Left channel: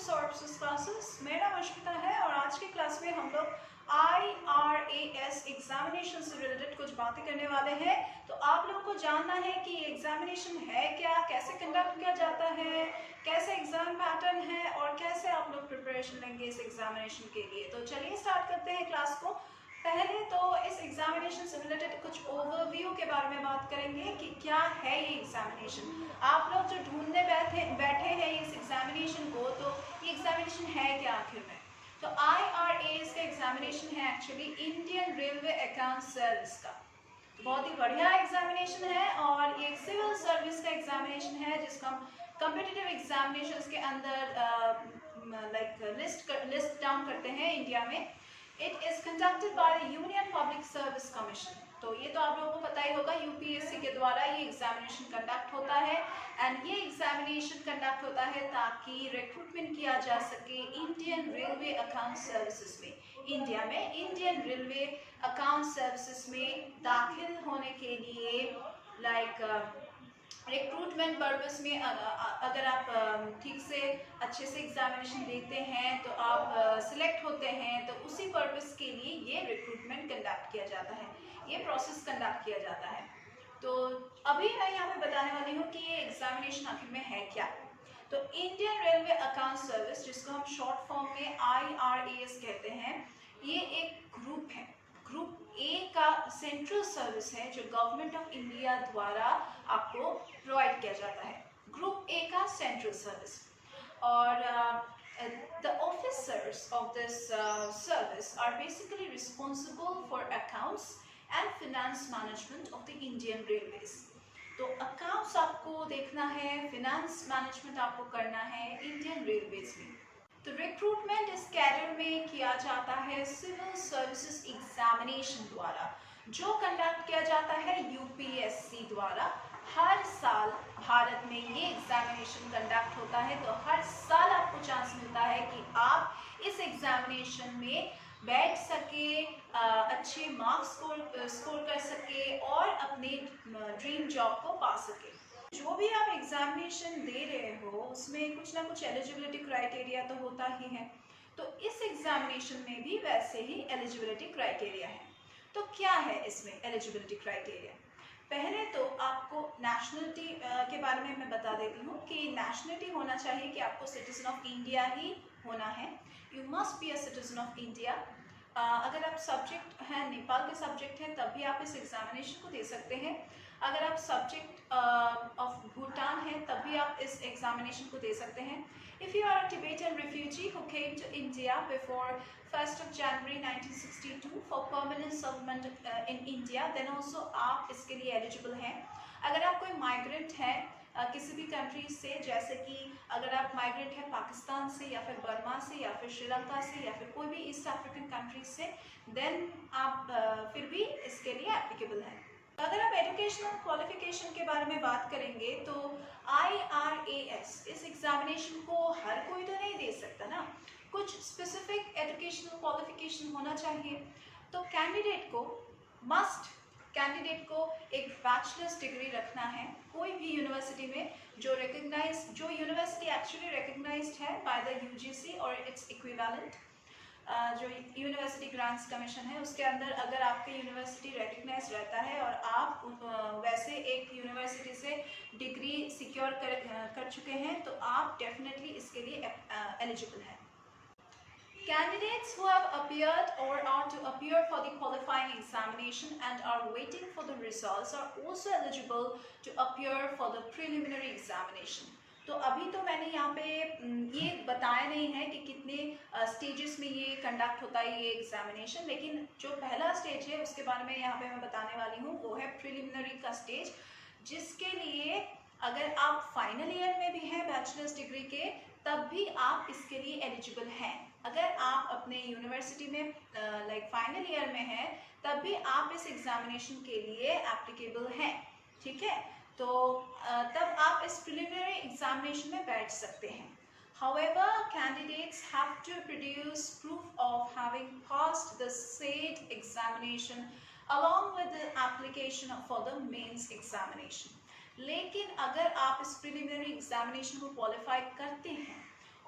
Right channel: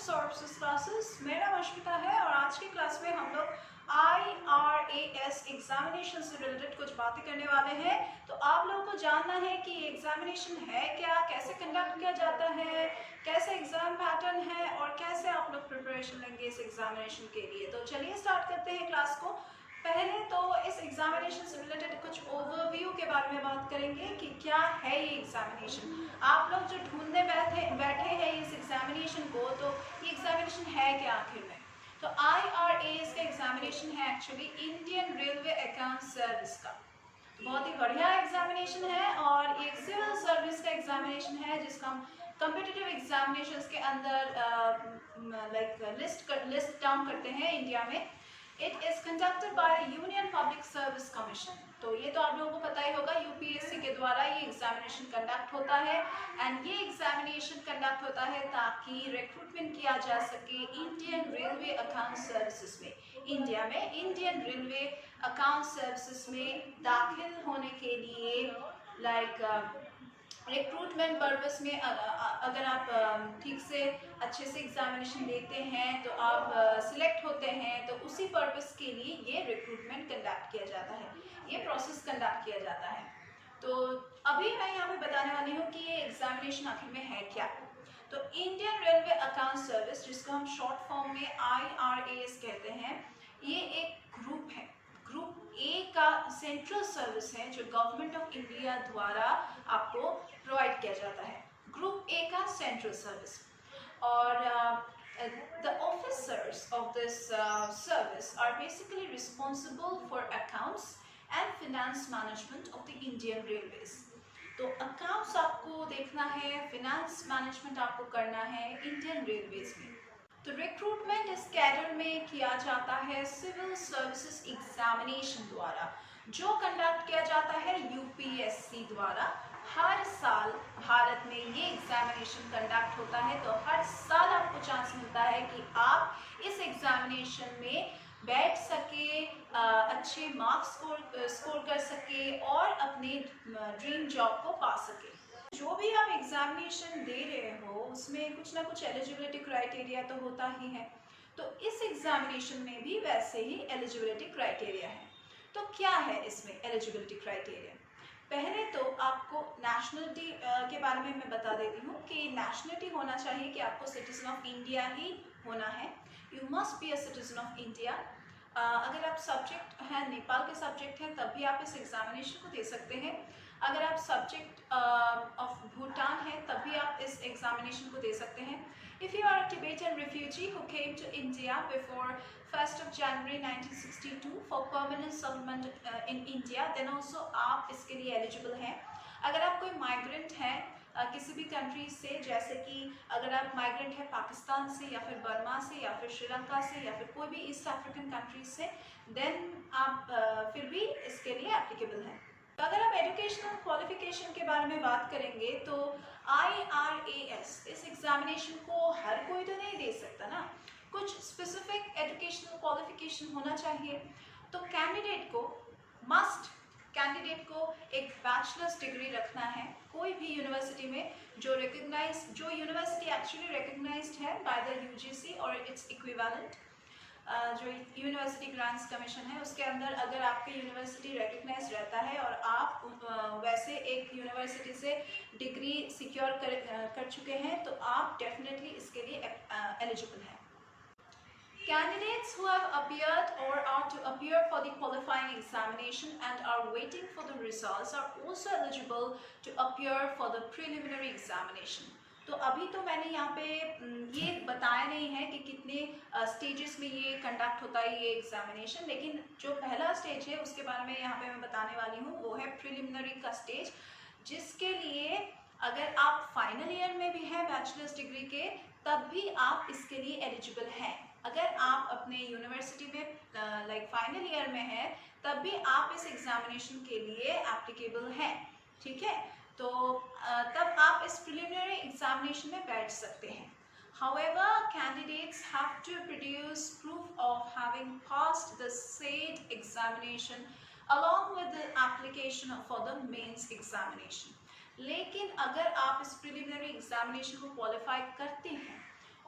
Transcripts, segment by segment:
Sources classes. मेरा नाम अश्मिता है और आज की क्लास में हम लोग IRAS एग्जामिनेशन से रिलेटेड कुछ बातें करने वाले हैं। तो आप लोगों को जानना है कि एग्जामिनेशन है क्या, कैसे कंडक्ट किया जाता है, कैसे एग्जाम पैटर्न है और कैसे आप लोग प्रिपरेशन लेंगे इस एग्जामिनेशन के लिए। तो चलिए स्टार्ट करते हैं क्लास को। पहले तो इस एग्जामिनेशन से रिलेटेड कुछ ओवरव्यू के बारे में बात करेंगे कि क्या है ये एग्जामिनेशन। आप लोग जो ढूंढने बैठे हैं इस एग्जामिनेशन को, तो ये एग्जामिनेशन है क्या आखिर में। तो IRAS का एग्जामिनेशन है actually Indian railway account service का। बहुत ही बढ़िया एग्जामिनेशन है और ये सिविल सर्विस का एग्जामिनेशन है जिसको हम कॉम्पिटिटिव एग्जामिनेशंस के अंदर लिस्ट डाउन करते हैं इंडिया में। It is conducted by the union public service commission. तो ये तो आप लोगों को पता ही होगा, यूपीएससी के द्वारा ये एग्जामिनेशन कंडक्ट होता है एंड ये एग्जामिनेशन कंडक्ट होता है ताकि रिक्रूटमेंट किया जा सके इंडियन रेलवे अकाउंट सर्विसेज में। इंडिया में इंडियन रेलवे अकाउंट सर्विसेज में दाखिल होने के लिए रिक्रूटमेंट पर्पस में अगर आप ठीक से अच्छे से एग्जामिनेशन देते हैं तो आप सिलेक्ट होते हैं, तो उसी पर्पस के लिए ये रिक्रूटमेंट कंडक्ट किया जाता है, ये प्रोसेस कंडक्ट किया जाता है। तो अभी मैं यहाँ पे बताने वाली हूँ कि ये एग्जामिनेशन आखिर में है क्या। तो इंडियन रेलवे अकाउंट सर्विस, जिसको हम शॉर्ट फॉर्म में IRAS कहते हैं, ये एक ग्रुप है। ग्रुप ए का सेंट्रल सर्विस है जो गवर्नमेंट ऑफ इंडिया द्वारा आपको प्रोवाइड किया जाता है। ग्रुप ए का सेंट्रल सर्विस और the officers of this service are basically responsible for accounts and finance management of the Indian Railways. तो अकाउंट्स आपको देखना है, फिनेंस मैनेजमेंट आपको करना है इंडियन रेलवेज में। तो रिक्रूटमेंट इस कैडर में किया जाता है सिविल सर्विसेज एग्जामिनेशन द्वारा, जो कंडक्ट किया जाता है यूपीएससी द्वारा। हर साल भारत में ये एग्जामिनेशन कंडक्ट होता है, तो हर साल आपको चांस मिलता है कि आप इस एग्जामिनेशन में बैठ सके, अच्छे मार्क्स स्कोर कर सके और अपने ड्रीम जॉब को पा सके। जो भी आप एग्जामिनेशन दे रहे हो उसमें कुछ ना कुछ एलिजिबिलिटी क्राइटेरिया तो होता ही है, तो इस एग्जामिनेशन में भी वैसे ही एलिजिबिलिटी क्राइटेरिया है। तो क्या है इसमें एलिजिबिलिटी क्राइटेरिया? पहले तो आपको नेशनलिटी के बारे में मैं बता देती हूँ कि नेशनलिटी होना चाहिए कि आपको सिटीजन ऑफ इंडिया ही होना है। You must be a citizen of India. अगर आप सब्जेक्ट हैं, नेपाल के सब्जेक्ट हैं, तब भी आप इस एग्जामिनेशन को दे सकते हैं। अगर आप सब्जेक्ट ऑफ भूटान हैं, तब भी आप इस एग्जामिनेशन को दे सकते हैं। If you are a Tibetan refugee who came to India before 1st of January 1962 for permanent settlement in India, then also आप इसके लिए एलिजिबल हैं। अगर आप कोई माइग्रेंट हैं किसी भी कंट्री से, जैसे कि अगर आप माइग्रेंट हैं पाकिस्तान से या फिर बर्मा से या फिर श्रीलंका से या फिर कोई भी ईस्ट अफ्रीकन कंट्री से, देन आप फिर भी इसके लिए एप्लीकेबल हैं। अगर आप एजुकेशनल क्वालिफिकेशन के बारे में बात करेंगे तो IRAS इस एग्जामिनेशन को हर कोई तो नहीं दे सकता ना, कुछ स्पेसिफिक एजुकेशनल क्वालिफिकेशन होना चाहिए। तो कैंडिडेट को एक बैचलर्स डिग्री रखना है कोई भी यूनिवर्सिटी में, जो यूनिवर्सिटी एक्चुअली रिकग्नाइज्ड है बाय द UGC और इट्स इक्विवेलेंट, जो यूनिवर्सिटी ग्रांट्स कमीशन है उसके अंदर अगर आपके यूनिवर्सिटी रिकग्नाइज रहता है और आप वैसे एक यूनिवर्सिटी से डिग्री सिक्योर कर चुके हैं, तो आप डेफिनेटली इसके लिए एलिजिबल हैं। Candidates who have appeared or are to appear for the qualifying examination and are waiting for the results are also eligible to appear for the preliminary examination. तो अभी तो मैंने यहाँ पे ये बताया नहीं है कि कितने स्टेजेस में ये कंडक्ट होता है ये एग्जामिनेशन, लेकिन जो पहला स्टेज है उसके बारे में यहाँ पे मैं बताने वाली हूँ, वो है प्रिलिमिनरी का स्टेज, जिसके लिए अगर आप फाइनल ईयर में भी हैं बैचलर्स डिग्री के, तब भी आप इसके लिए एलिजिबल हैं। अगर आप अपने यूनिवर्सिटी में फाइनल ईयर में हैं, तब भी आप इस एग्जामिनेशन के लिए एप्लीकेबल हैं, ठीक है। तो तब आप इस प्रिलिमिनरी एग्जामिनेशन में बैठ सकते हैं। However, candidates have to produce proof of having passed the said examination along with the application for the mains examination. लेकिन अगर आप इस प्रिलिमिनरी एग्जामिनेशन को क्वालिफाई करते हैं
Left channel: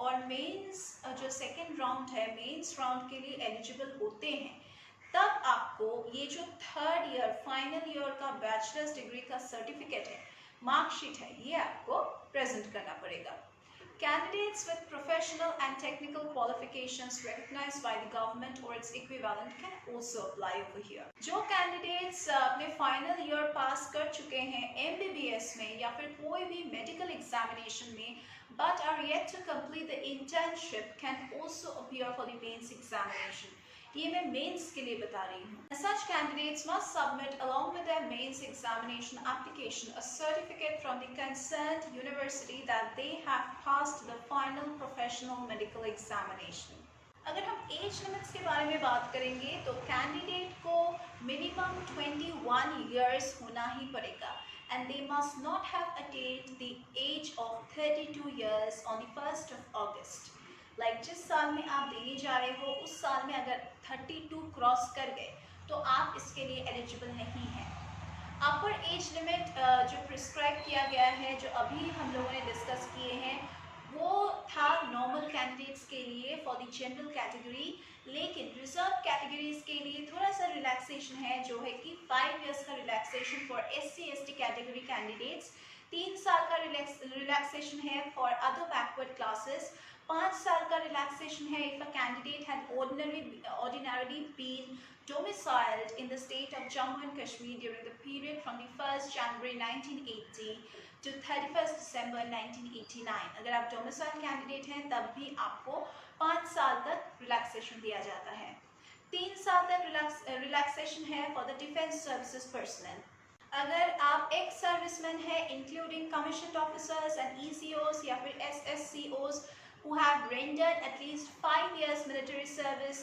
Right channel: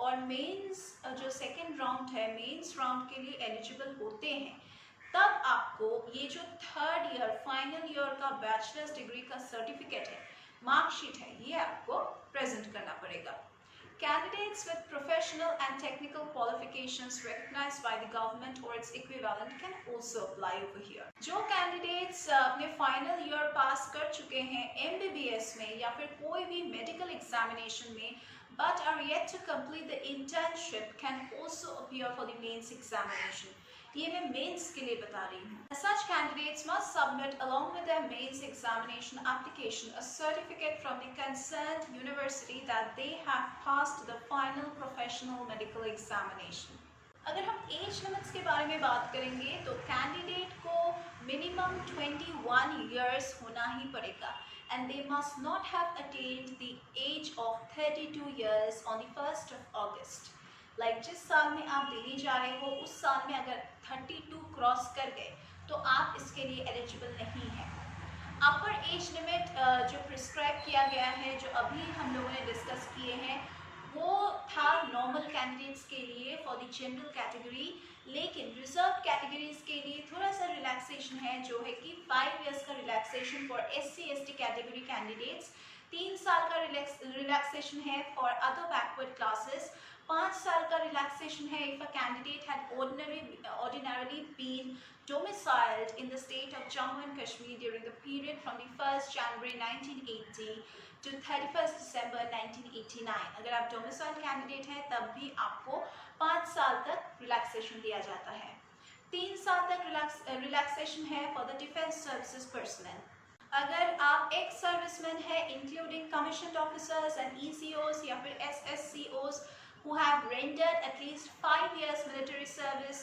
और मेंस जो सेकेंड राउंड है, मेंस राउंड के लिए एलिजिबल होते हैं, तब आपको ये जो थर्ड ईयर फाइनल ईयर का बैचलर्स डिग्री का सर्टिफिकेट है, मार्कशीट है, ये आपको प्रेजेंट करना पड़ेगा। Candidates with professional and technical qualifications recognized by the government or its equivalent can also apply over here. जो candidates अपने final year pass कर चुके हैं MBBS में या फिर कोई भी medical examination में, but are yet to complete the internship can also appear for the mains examination. ये मैं मेंस के लिए बता रही हूँ. Such candidates must submit along with their mains examination application a certificate from the concerned university that they have passed the final professional medical examination. अगर हम as limits के बारे में बात करेंगे तो कैंडिडेट को मिनिमम 21 इयर्स होना ही पड़ेगा and they must not have attained the age of 32 years on the 1st of August. जिस साल में आप देने जा रहे हो उस साल में अगर 32 क्रॉस कर गए तो आप इसके लिए एलिजिबल नहीं हैं। अपर एज लिमिट जो प्रिस्क्राइब किया गया है, जो अभी हम लोगों ने डिस्कस किए हैं, वो था नॉर्मल कैंडिडेट्स के लिए फॉर द जनरल कैटेगरी, लेकिन रिजर्व कैटेगरीज के लिए थोड़ा सा रिलैक्सेशन है, जो है कि 5 इयर्स का relaxation for SC/ST category candidates, 3 साल का रिलैक्सेशन है फॉर अदर बैकवर्ड क्लासेस, 5 साल का रिलैक्सेशन है if a candidate had ordinarily been domiciled in the state of Jammu and Kashmir during the period from the 1st January 1980 to 31st December 1989. अगर आप domicile candidate हैं तब भी आपको 5 साल तक रिलैक्सेशन दिया जाता है। 3 साल तक रिलैक्सेशन है for the defense services personnel. अगर आप एक्स सर्विसमैन है including commissioned officers and ECOs या फिर SSCOs who have rendered at least 5 years military service,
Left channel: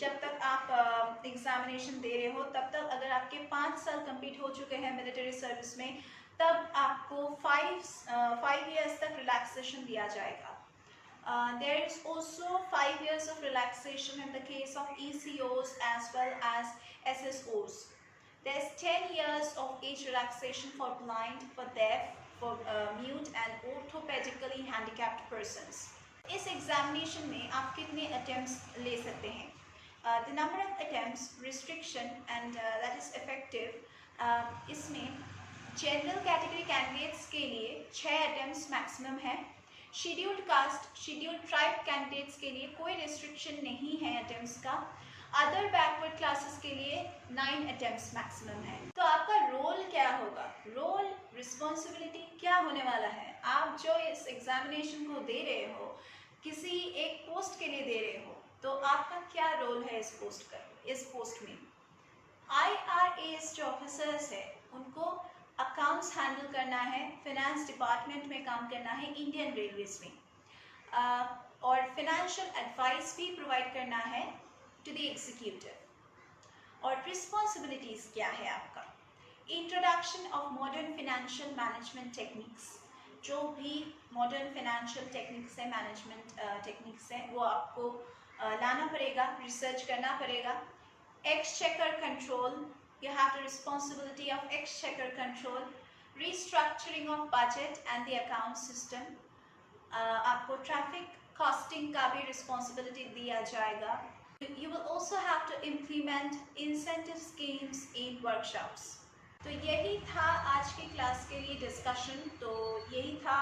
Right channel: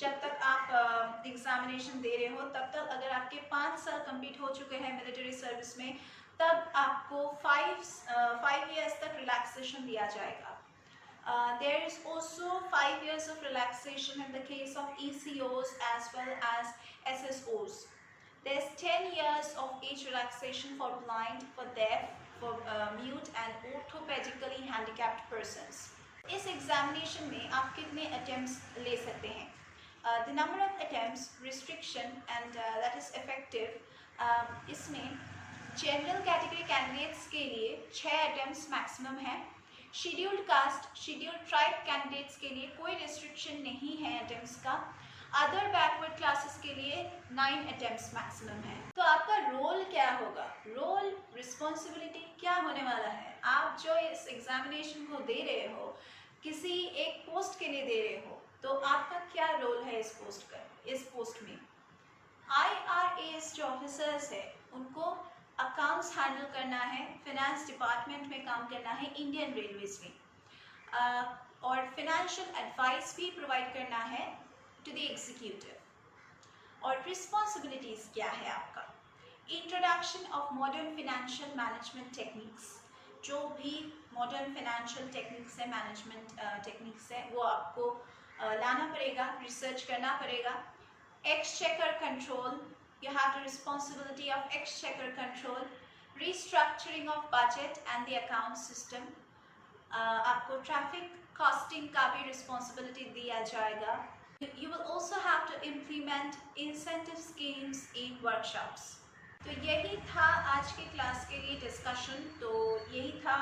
जब तक आप एग्जामिनेशन दे रहे हो तब तक अगर आपके 5 साल कंप्लीट हो चुके हैं मिलिट्री सर्विस में, तब आपको 5 years तक रिलैक्सेशन दिया जाएगा. There is also 5 years of relaxation in the case of ECOs as well as SSOs. There is 10 years of age relaxation for blind, for deaf, for mute and orthopedically handicapped persons. इस examination में आप कितने attempts ले सकते हैं? The number of attempts, restriction and that is effective. इसमें general category candidates के लिए 6 अटेम्प्ट्स मैक्सिमम है. Scheduled caste, scheduled tribe candidates के लिए कोई रिस्ट्रिक्शन नहीं है अटेम्प्ट्स का. अदर बैकवर्ड क्लासेस के लिए 9 अटेम्प्ट्स मैक्सिमम है. तो आपका रोल क्या होगा? रोल, रिस्पॉन्सिबिलिटी क्या होने वाला है? आप जो इस एग्जामिनेशन को दे रहे हो, किसी एक पोस्ट के लिए दे रहे हो, तो आपका क्या रोल है इस पोस्ट में? IRAS जो ऑफिसर्स है उनको अकाउंट्स हैंडल करना है, फाइनेंस डिपार्टमेंट में काम करना है इंडियन रेलवेज में, और फाइनेंशियल एडवाइस भी प्रोवाइड करना है टू द एग्जीक्यूटिव. और रिस्पॉन्सिबिलिटीज़ क्या है आपका? Introduction of modern financial management techniques, जो भी मॉडर्न फाइनेंशियल टेक्निक्स है, मैनेजमेंट टेक्निक्स है, वो आपको लाना पड़ेगा, रिसर्च करना पड़ेगा. Exchequer control, you have the responsibility of exchequer control, restructuring of budget and the account system. आपको ट्रैफिक कॉस्टिंग का भी रिस्पॉन्सिबिलिटी दिया जाएगा. You will also have to implement incentive schemes in workshops. तो यही था आज की क्लास के लिए डिस्कशन. तो यही था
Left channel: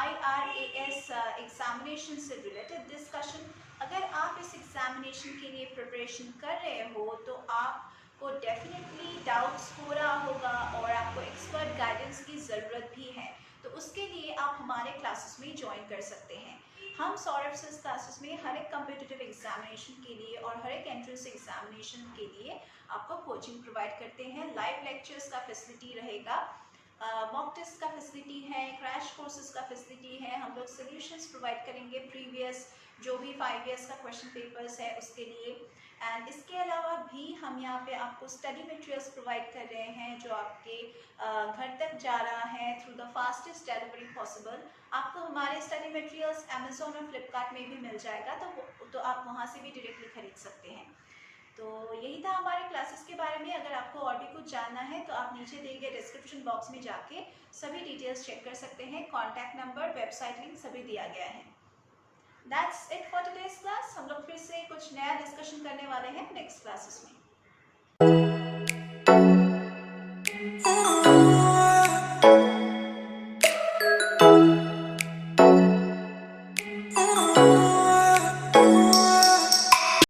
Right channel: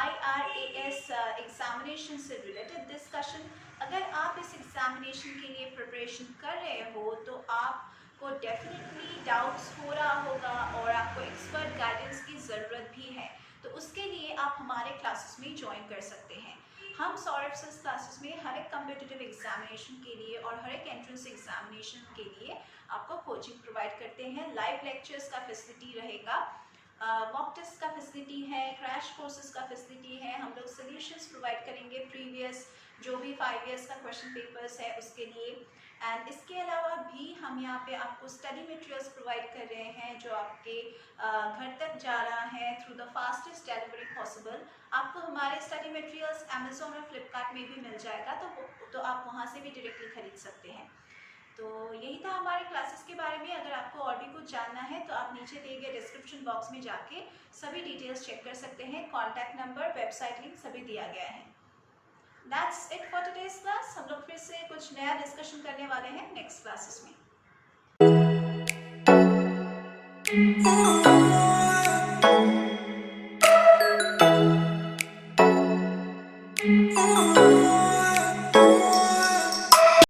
IRAS एग्जामिनेशन से रिलेटेड डिस्कशन. अगर आप इस एग्जामिनेशन के लिए प्रिपरेशन कर रहे हो तो आपको डेफिनेटली डाउट्स हो रहा होगा और आपको एक्सपर्ट गाइडेंस की ज़रूरत भी है. तो उसके लिए आप हमारे क्लासेस में ज्वाइन कर सकते हैं. हम सौरभ सर क्लासेस में हर एक कम्पिटिटिव एग्जामिनेशन के लिए और हर एक एंट्रेंस एग्जामिनेशन के लिए आपको कोचिंग प्रोवाइड करते हैं. लाइव लेक्चर्स का फैसिलिटी रहेगा, मॉक टेस्ट का फैसिलिटी है, क्रैश कोर्सेज का फैसिलिटी है. हम लोग सोल्यूशंस प्रोवाइड करेंगे प्रीवियस जो भी 5 इयर्स का क्वेश्चन पेपर्स है उसके लिए. एंड इसके अलावा भी हम यहाँ पे आपको स्टडी मटेरियल्स प्रोवाइड कर रहे हैं जो आपके घर तक जा रहा है through the fastest delivery possible. आपको हमारे स्टडी मटेरियल्स अमेजोन और फ्लिपकार्ट में भी मिल जाएगा, तो आप वहाँ से भी डायरेक्टली खरीद सकते हैं. तो यही था हमारे क्लासेस के बारे में. अगर आपको और भी कुछ जानना है तो आप नीचे दिए गए डिस्क्रिप्शन बॉक्स में जाके सभी डिटेल्स चेक कर सकते हैं. कॉन्टैक्ट नंबर, वेबसाइट लिंक सभी दिया गया है. That's it for today's class. हम लोग फिर से कुछ नया डिस्कशन करने वाले हैं नेक्स्ट क्लासेस में।